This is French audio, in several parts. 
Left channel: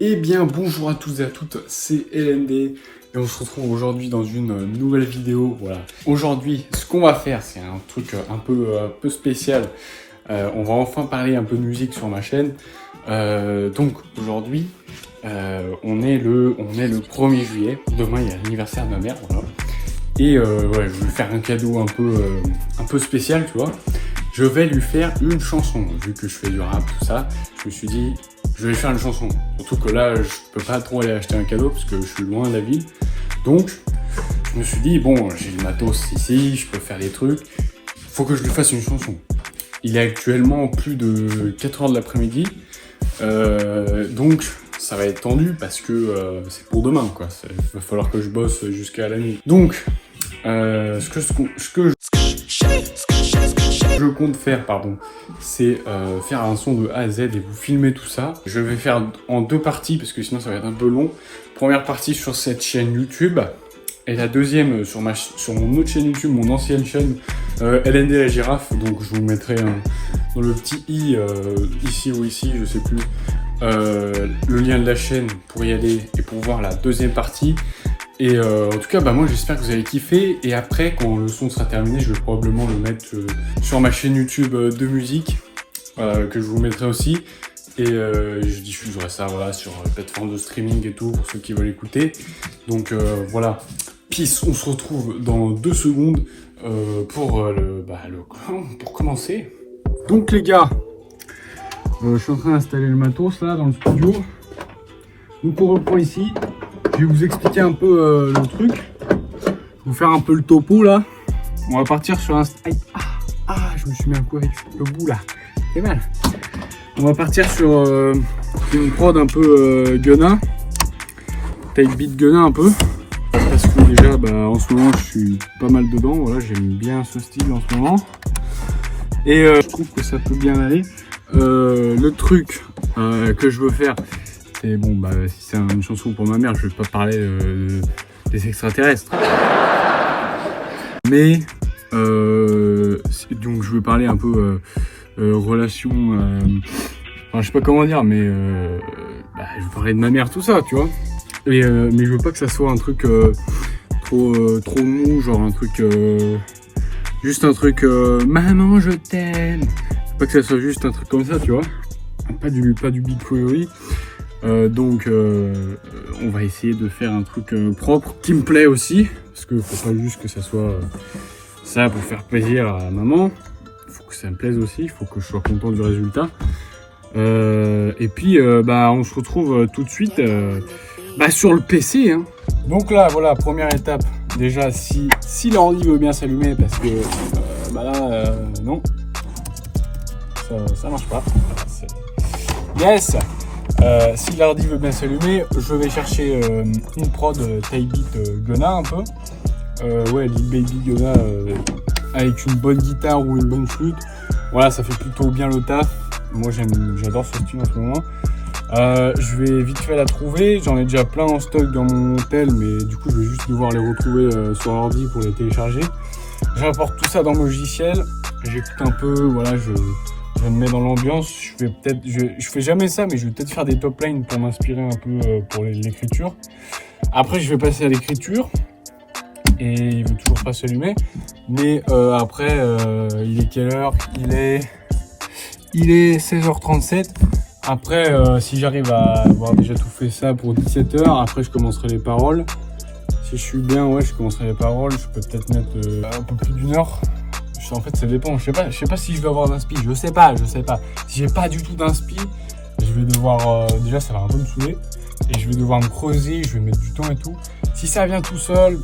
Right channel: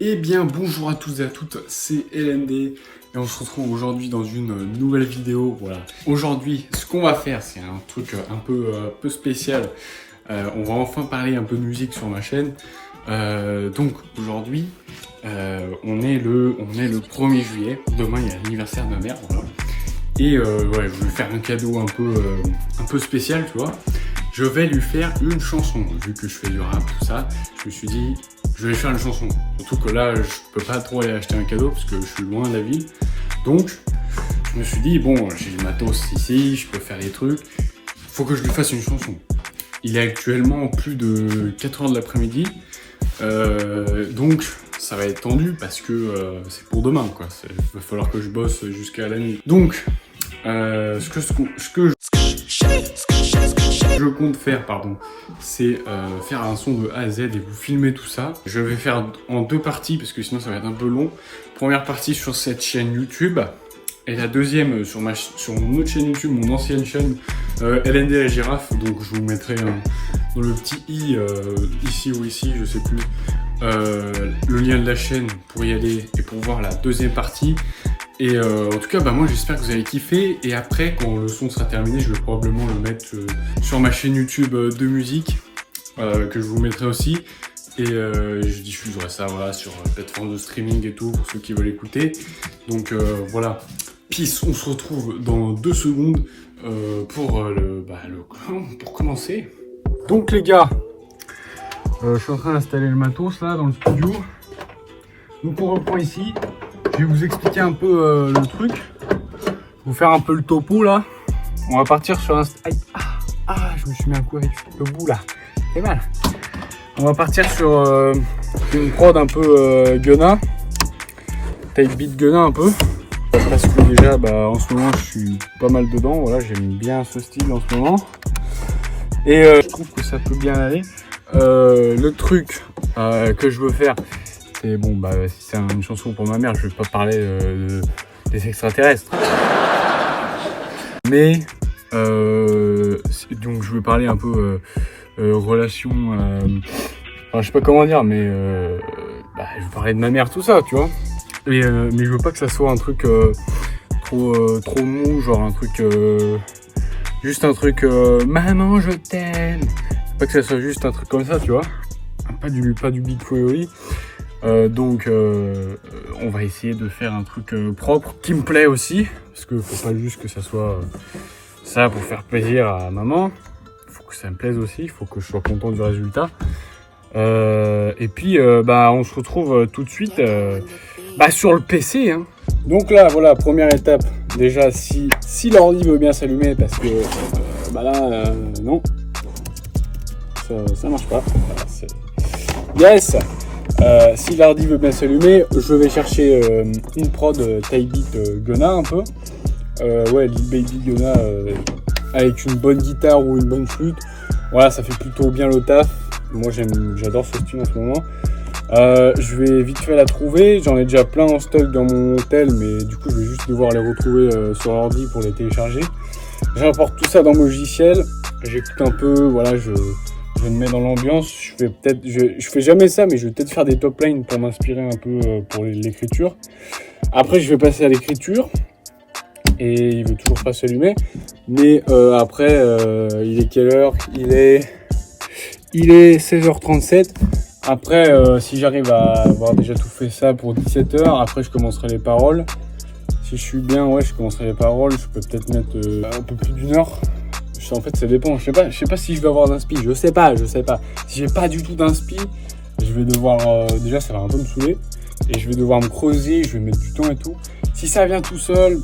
Eh bien bonjour à tous et à toutes, c'est LND et on se retrouve aujourd'hui dans une nouvelle vidéo. Voilà. Aujourd'hui, ce qu'on va faire, c'est un truc un peu spécial. On va enfin parler un peu de musique sur ma chaîne. Donc aujourd'hui, on est le 1er juillet. Demain, il y a l'anniversaire de ma mère. Voilà. Et ouais, je vais lui faire un cadeau un peu spécial, tu vois. Je vais lui faire une chanson. Vu que je fais du rap, tout ça, je me suis dit, je vais lui faire une chanson. Surtout que là, je peux pas trop aller acheter un cadeau parce que je suis loin de la ville. Donc, je me suis dit, bon, j'ai le matos ici, je peux faire des trucs. Faut que je lui fasse une chanson. Il est actuellement plus de 4 heures de l'après-midi. Donc, ça va être tendu parce que c'est pour demain, quoi. Il va falloir que je bosse jusqu'à la nuit. Donc, ce que je compte faire, c'est faire un son de A à Z et vous filmer tout ça. Je vais faire en 2 parties parce que sinon ça va être un peu long. Première partie sur cette chaîne YouTube et la deuxième sur mon autre chaîne YouTube, mon ancienne chaîne LND la girafe. Donc je vous mettrai dans le petit i ici ou ici, je sais plus, le lien de la chaîne pour y aller et pour voir la deuxième partie. Et en tout cas, moi j'espère que vous avez kiffé. Et après, quand le son sera terminé, je vais probablement le mettre sur ma chaîne YouTube de musique, que je vous mettrai aussi. Et je diffuserai ça voilà, sur plateforme de streaming et tout, pour ceux qui veulent écouter. Donc voilà, peace, on se retrouve dans 2 secondes pour commencer. Donc les gars, je suis en train d'installer le matos là dans le studio. Donc on reprend ici. Je vais vous expliquer un peu le truc. Je vais vous faire un peu le topo là. On va partir sur un... je me suis mis un coup avec le bout là. C'est mal. On va partir sur une prod un peu Gunna. Type beat Gunna un peu. Parce que déjà en ce moment je suis pas mal dedans. Voilà, j'aime bien ce style en ce moment. Et je trouve que ça peut bien aller. Le truc que je veux faire... Et bon, si c'est une chanson pour ma mère, je vais pas parler des extraterrestres. Mais, donc je vais parler un peu relation, je sais pas comment dire, mais je vais parler de ma mère, tout ça, tu vois. Et, mais je veux pas que ça soit un truc trop mou, genre un truc, juste un truc, maman je t'aime. Pas que ça soit juste un truc comme ça, tu vois. Pas du Big Theory. Donc on va essayer de faire un truc propre qui me plaît aussi, parce que faut pas juste que ça soit ça pour faire plaisir à maman, il faut que ça me plaise aussi, il faut que je sois content du résultat. Et puis on se retrouve tout de suite sur le PC, hein. Donc là voilà, première étape, déjà si l'ordi veut bien s'allumer, parce que non, ça marche pas. Yes. Si l'ordi veut bien s'allumer, je vais chercher une prod type beat Gunna un peu. Lil Baby Gunna avec une bonne guitare ou une bonne flûte. Voilà, ça fait plutôt bien le taf. Moi j'adore ce style en ce moment. Je vais vite fait la trouver. J'en ai déjà plein en stock dans mon hôtel, mais du coup je vais juste devoir les retrouver sur l'ordi pour les télécharger. J'importe tout ça dans mon logiciel. J'écoute un peu, voilà, je me mets dans l'ambiance. Je fais jamais ça, mais je vais peut-être faire des top lines pour m'inspirer un peu pour l'écriture. Après, je vais passer à l'écriture et il veut toujours pas s'allumer. Mais après, il est quelle heure ? Il est 16h37. Après, si j'arrive à avoir déjà tout fait ça pour 17h, après je commencerai les paroles. Si je suis bien, je commencerai les paroles. Je peux peut-être mettre un peu plus d'1 heure. En fait, ça dépend. Je sais pas si je vais avoir d'inspi. Je sais pas. Si j'ai pas du tout d'inspi, je vais devoir déjà ça va un peu me saouler et je vais devoir me creuser. Je vais mettre du temps et tout. Si ça vient tout seul,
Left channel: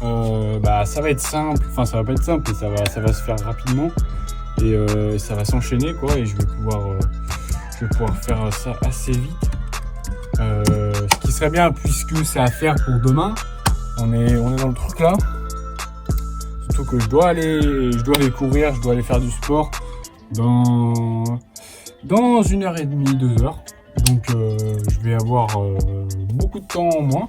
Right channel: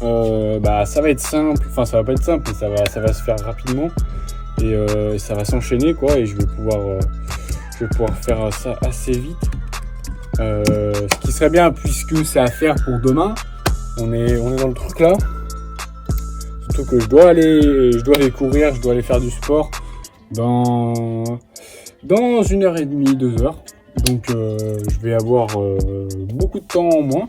ça va être simple. Enfin, ça va pas être simple, mais ça va se faire rapidement et ça va s'enchaîner quoi. Et je vais pouvoir faire ça assez vite. Ce qui serait bien puisque c'est à faire pour demain. On est dans le truc là. Que je dois aller courir, je dois aller faire du sport dans 1h30, 2 heures. Donc je vais avoir beaucoup de temps en moins.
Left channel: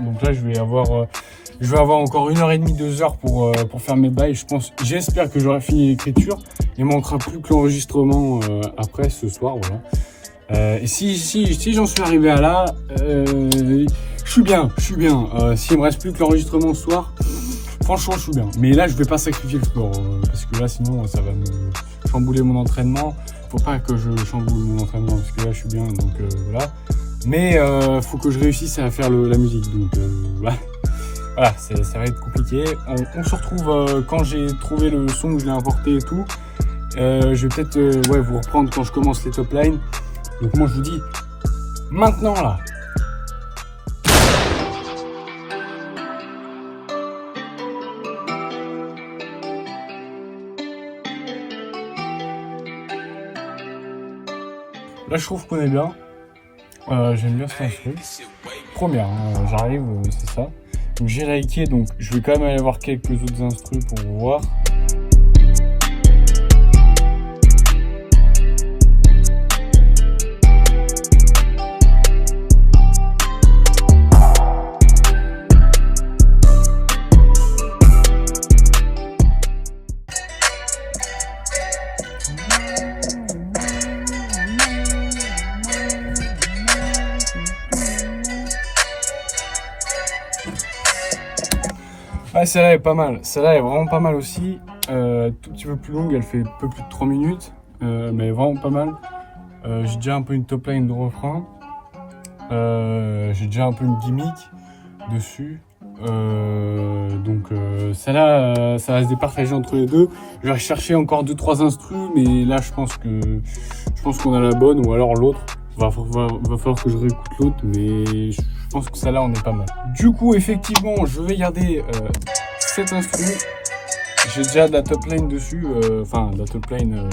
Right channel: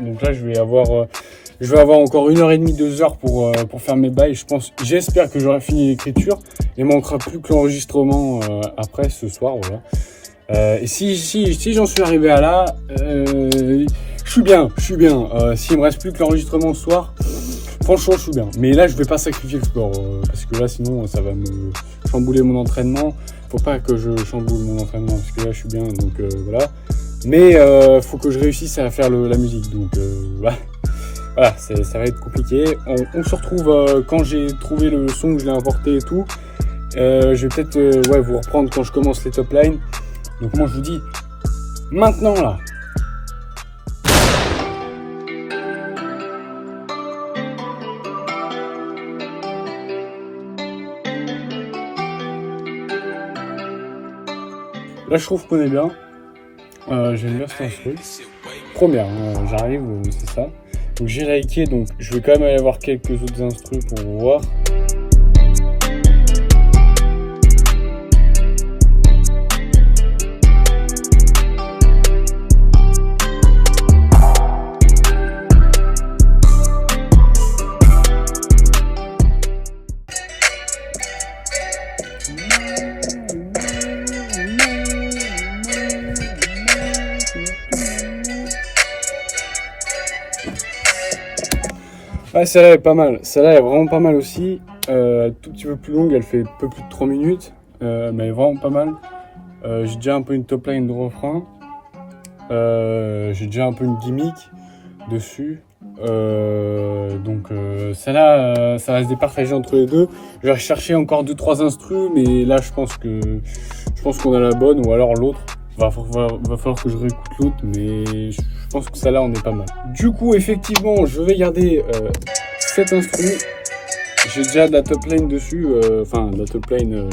Donc là je vais avoir encore 1h30, 2 heures pour faire mes bails. J'espère que j'aurai fini l'écriture. Il manquera plus que l'enregistrement après ce soir, voilà. Et si j'en suis arrivé à là, je suis bien. S'il me reste plus que l'enregistrement ce soir, franchement, je suis bien. Mais là, je vais pas sacrifier le sport, parce que là, sinon, ça va me chambouler mon entraînement. Faut pas que je chamboule mon entraînement, parce que là, je suis bien, donc voilà. Mais faut que je réussisse à faire la musique, donc voilà, ça va être compliqué. On se retrouve quand j'ai trouvé le son que je l'ai importé et tout. Je vais peut-être vous reprendre quand je commence les top lines. Donc moi je vous dis maintenant là. Là je trouve qu'on est bien. J'aime bien cet instru. Première, j'arrive, c'est ça. Donc j'ai liké, donc je vais quand même aller voir quelques autres instrus pour voir. Ouais, celle-là est pas mal. Celle-là est vraiment pas mal aussi. Tout petit peu plus longue, elle fait un peu plus de 3 minutes. Mais elle est vraiment pas mal. J'ai déjà un peu une top line de refrain. J'ai déjà un peu une gimmick dessus. Donc celle-là, ça va se départager entre les deux. Je vais rechercher encore 2-3 instrus, mais là je pense qu'on a la bonne, ou alors l'autre. Va falloir que je réécoute l'autre, mais je pense que celle-là on est pas mal. Du coup, effectivement, je vais garder cet instru. J'ai déjà de la top line dessus, de la top line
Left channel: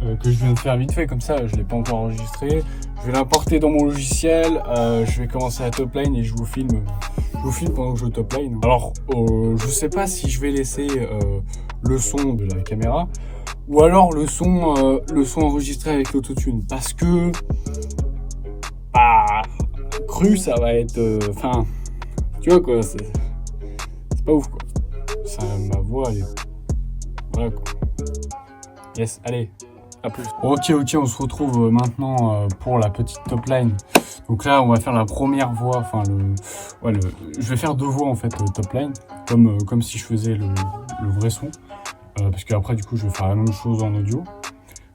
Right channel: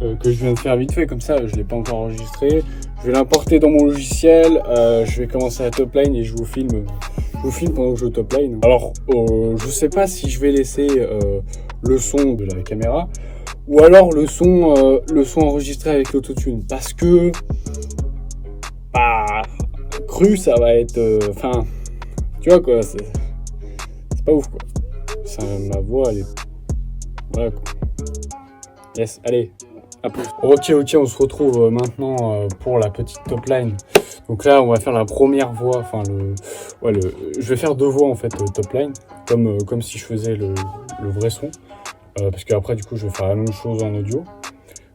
que je viens de faire vite fait, comme ça, je l'ai pas encore enregistré. Je vais l'importer dans mon logiciel. Je vais commencer la top line et je vous filme pendant que je top line. Alors, je sais pas si je vais laisser le son de la caméra, ou alors le son enregistré avec l'autotune, parce que cru ça va être tu vois quoi, c'est pas ouf quoi, ma voix elle est voilà quoi. Yes, allez, à plus. Ok, on se retrouve maintenant pour la petite top line. Donc là on va faire la première voix, je vais faire 2 voix en fait top line, comme si je faisais le vrai son. Parce qu'après du coup je vais faire la même chose en audio.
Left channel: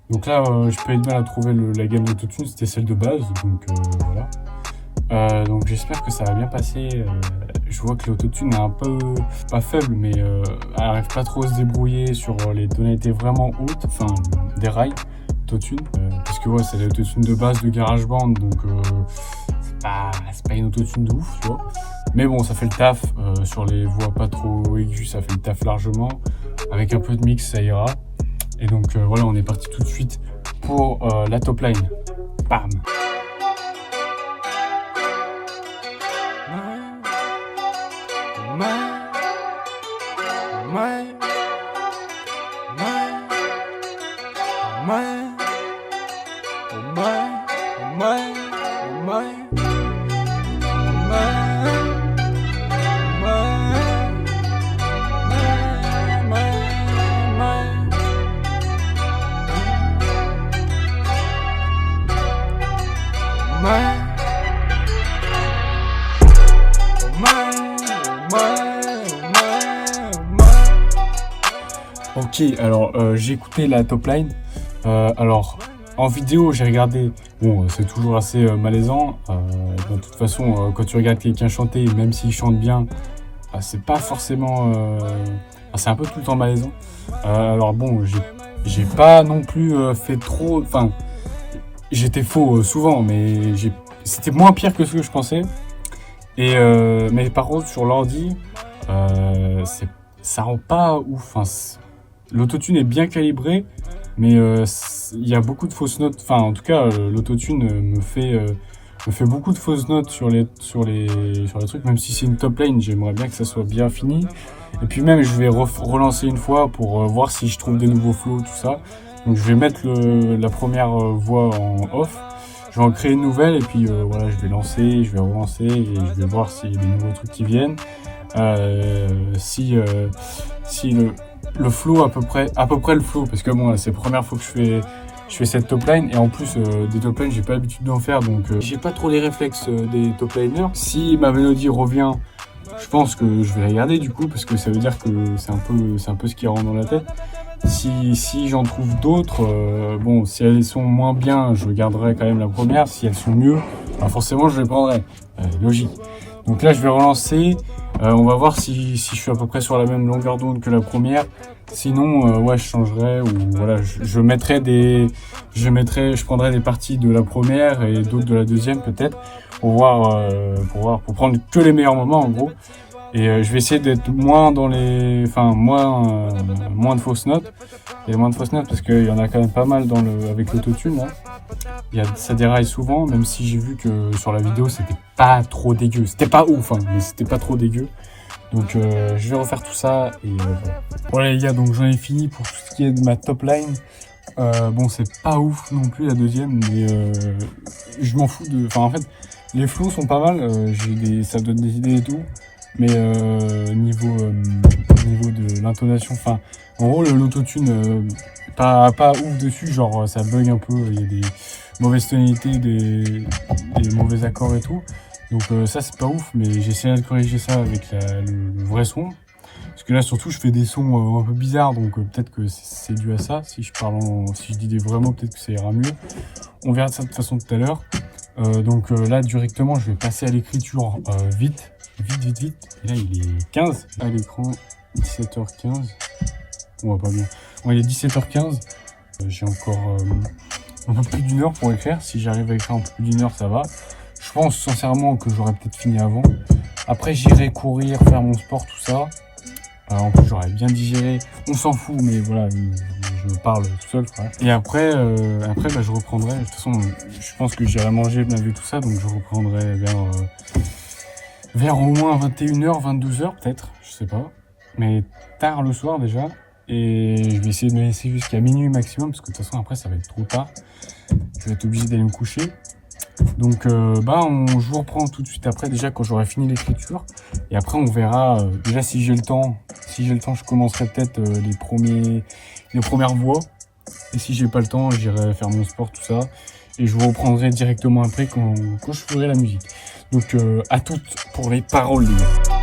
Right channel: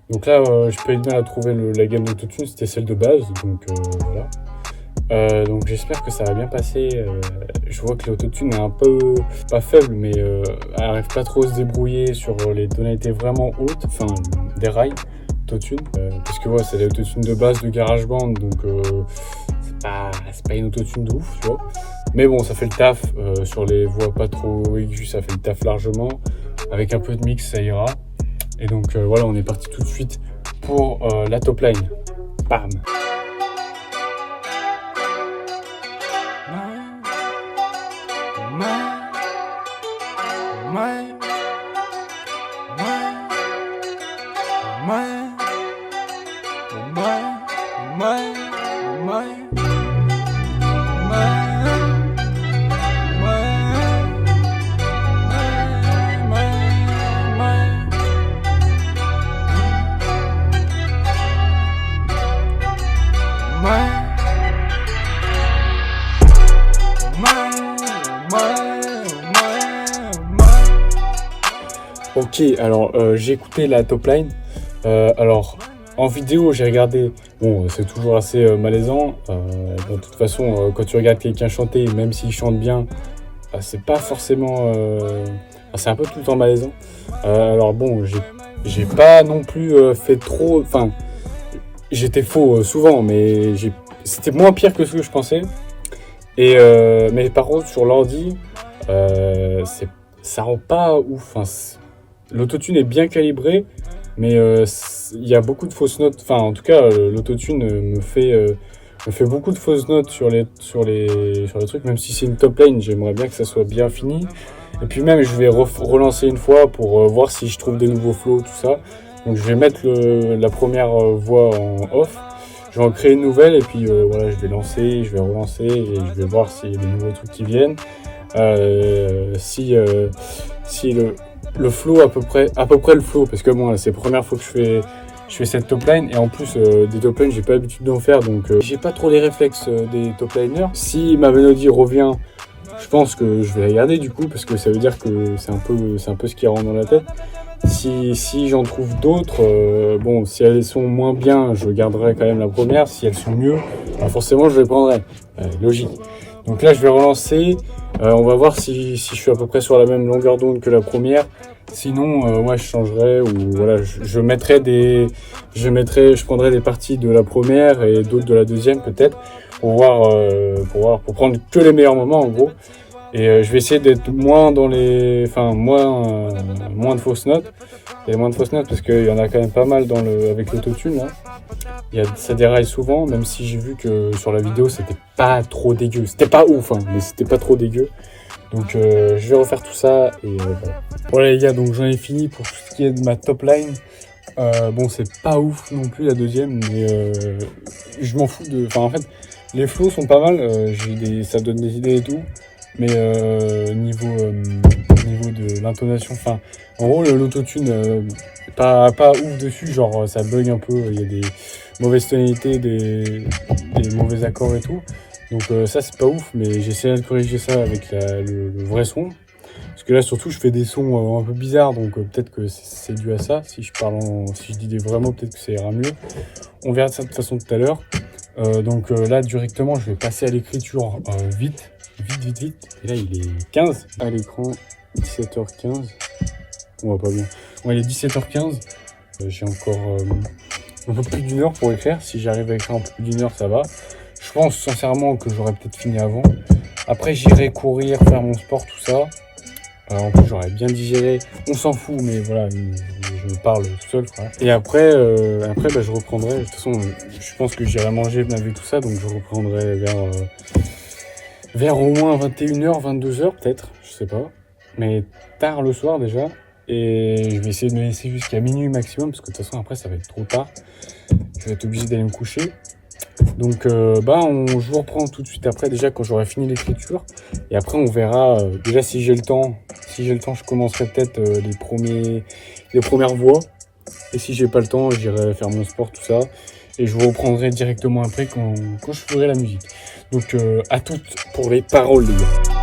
Donc là je peux être mal à trouver la gamme d'autotune, c'était celle de base, donc voilà. Donc j'espère que ça va bien passer. Je vois que l'autotune est un peu, pas faible, mais elle arrive pas trop à se débrouiller sur les tonalités vraiment hautes, enfin des rails d'autotune. Parce que c'est l'autotune de base de GarageBand, donc c'est pas une autotune de ouf, tu vois. Mais bon, ça fait le taf, sur les voix pas trop aiguës, ça fait le taf largement. Avec un peu de mix, ça ira. Et donc voilà, on est parti tout de suite pour la top line. Bam! Ok, alors j'ai écouté la top line. Alors en vidéo j'ai regardé, bon c'est toujours assez malaisant. De toute façon quand tu regardes quelqu'un chanter, même s'il chante bien, c'est pas forcément, c'est un peu tout le temps malaisant. Alors bon, j'ai pas non plus fait trop, enfin j'étais faux souvent, mais c'était moins pire que ce que je pensais. Et mais par contre sur l'ordi, ça rend pas ouf. Enfin, l'autotune est bien calibré, mais il y a beaucoup de fausses notes. Enfin, en tout cas, l'autotune me fait beaucoup de fausses notes sur les trucs. Même si c'est une top line, j'aimerais bien que ça soit bien fini. Et puis même, je vais relancer une fois pour voir si je trouve des nouveaux flows, tout ça. Donc je vais mettre la première voix en off. Je vais en créer une nouvelle et puis voilà, je vais lancer, je vais relancer et je vais voir s'il y a des nouveaux trucs qui viennent. Si le flow à peu près le flow, parce que bon, c'est la première fois que je fais je fais cette top line et en plus des top lines j'ai pas l'habitude d'en faire donc j'ai pas trop les réflexes des top liners. Si ma mélodie revient, je pense que je vais la garder du coup parce que ça veut dire que c'est un peu ce qui rentre dans la tête. Si j'en trouve d'autres, bon, si elles sont moins bien, je garderai quand même la première. Si elles sont mieux, bah forcément je les prendrai. Logique. Donc là je vais relancer. On va voir si je suis à peu près sur la même longueur d'onde que la première. Sinon, ouais, je changerai ou voilà, je prendrai des parties de la première et d'autres de la deuxième peut-être pour prendre que les meilleurs moments en gros. Et je vais essayer d'être moins dans moins de fausses notes. Et moins de fausses notes parce qu'il y en a quand même pas mal avec l'autotune là. Ça déraille souvent, même si j'ai vu que sur la vidéo c'était pas trop dégueu. C'était pas ouf, hein, mais c'était pas trop dégueu. Donc je vais refaire tout ça et voilà. Voilà les gars, donc j'en ai fini pour tout ce qui est de ma top line. Bon, c'est pas ouf non plus la deuxième, mais je m'en fous Enfin en fait, les flows sont pas mal, ça donne des idées et tout. Mais niveau de l'intonation, enfin en gros l'autotune pas ouf dessus, genre ça bug un peu, il y a des mauvaises tonalités, des mauvais accords et tout. Donc ça c'est pas ouf, mais j'essaie de corriger ça avec le vrai son. Parce que là surtout je fais des sons un peu bizarres, donc peut-être que c'est dû à ça. Si je dis des vrais mots, peut-être que ça ira mieux. On verra ça de toute façon tout à l'heure. Donc là directement je vais passer à l'écriture vite. Et là il est 15 à l'écran, 17h15. On voit pas bien. Ouais, il est 17h15. J'ai encore un peu plus d'une heure pour écrire. Si j'arrive à écrire un peu plus d'une heure, ça va. Je pense sincèrement que j'aurais peut-être fini avant. Après, j'irai courir, faire mon sport, tout ça. En plus, j'aurais bien digéré. On s'en fout, mais voilà, je parle tout seul, quoi. Et après, bah, je reprendrai. De toute façon, je pense que j'irai manger, laver tout ça, donc je reprendrai vers au moins 21h, 22h peut-être, je sais pas. Mais tard le soir déjà. Et je vais essayer de me laisser jusqu'à minuit maximum, parce que de toute façon après ça va être trop tard. Je vais être obligé d'aller me coucher. Donc je vous reprends tout de suite après, déjà quand j'aurai fini l'écriture. Et après on verra, déjà si j'ai le temps, je commencerai peut-être les premières voix. Et si j'ai pas le temps, j'irai faire mon sport, tout ça. Et je vous reprendrai directement après quand je ferai la musique. Donc à toutes pour les paroles les gars.